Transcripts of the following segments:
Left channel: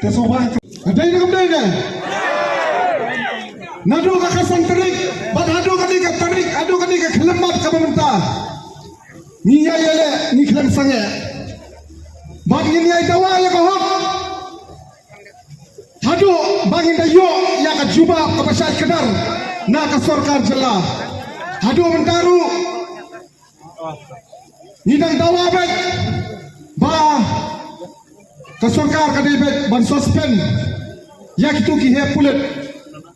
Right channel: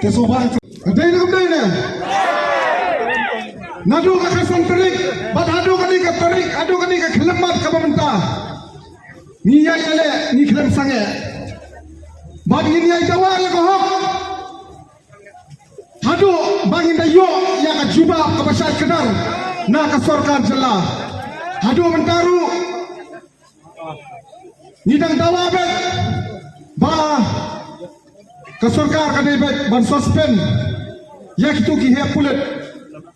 Kesoban. Ada ini kemudian ini. Nadu kakasan terik, bad adu kani ke terik, adu kani ke kelemat ke pemerintah. Ni ya le, ni kelem sange. Bad ini ya dawa ya kohok. Hadu bangin dayo ya ke jubah ke pasal kedar, na ke sorkan jelah. Hadu mentaru. Nidang dawa bet, ba ke sorkan kani bet ban suspend. Ya itu kihe pulet.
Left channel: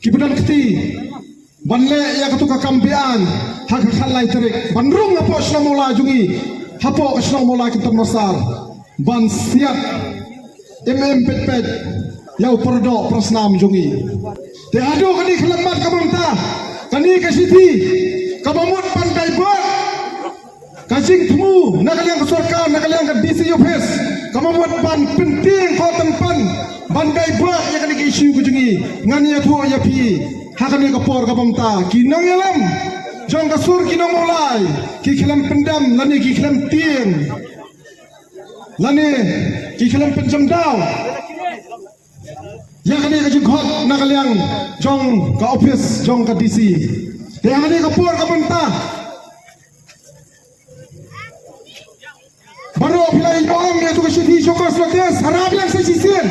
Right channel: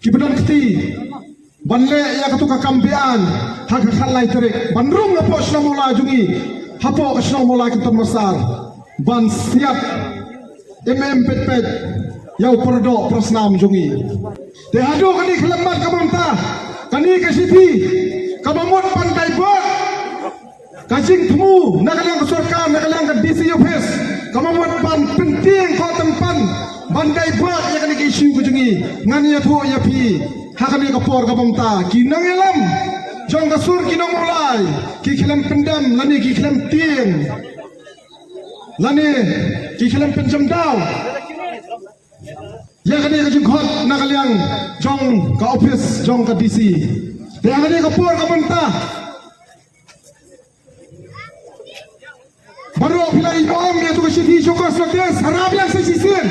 Kibadan keti banle ya katu kakambian hak halai terik bandrung apo sna mulai jungi hapo sna mulai ketan masar ban siap pet ya perdo prasnam jungi te adu kani kelembat pemerintah kani ke siti kabamut pantai bot kajing temu nakaliang ke sorkan nakaliang ke DC office kabamut ban penting ko tempan bandai berat yang kena isu kejungi ngani aku ya pi hakani kapor kapamta kinang yalam jong kasur kinang mulai ki kilam pendam lani ki kilam tin lani ki kilam penjam daw yang kena kejung khot nakaliang jong ka office jong ka DC yang kena kapor kapamta baru pilih om dia tu kesidi syukur selates harap yang sesisin.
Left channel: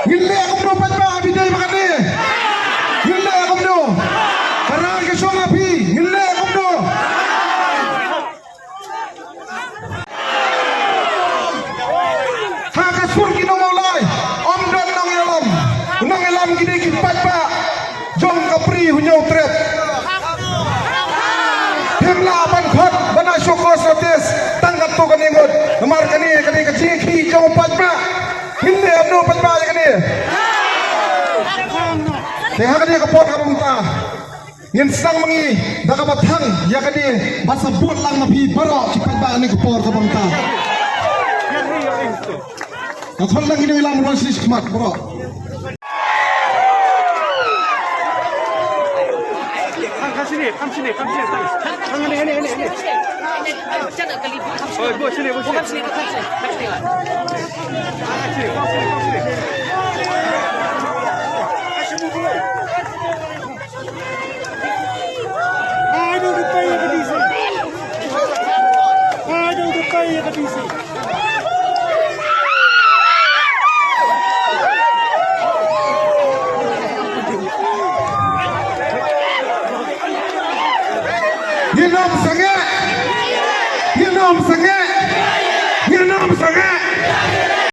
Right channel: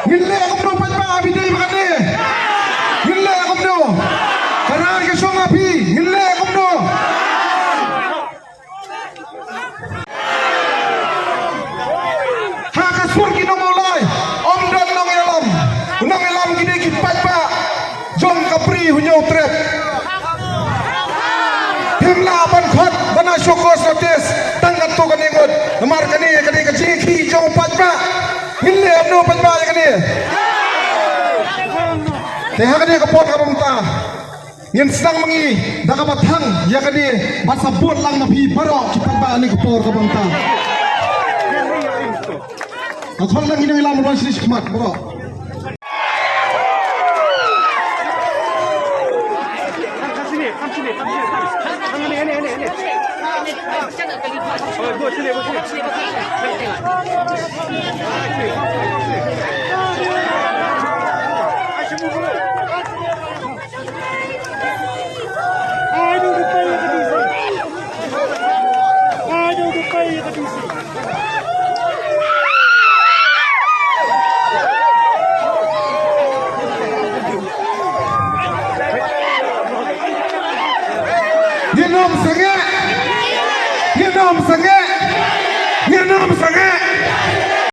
Gila aku perlu patah bidai makan ni. Gila aku perlu. Karena ke song api. Gila aku perlu. Hak kasur kino mulai. Om dan nong elam. Nong elam gini kipat pak. Jom kapri punya utret. Himla apan khot. Bana syukur satis. Tangkat tu kan imut. Lemar kani kecil jom pat pak. Gila aku perlu patah. Teh kani kapot kapamta ngin sang mangi baka bathang ya kani basabot lang na pi baro kipat ba ani kapor kapamta akhon lang ini ilam ron sri khmat baro Nginom sange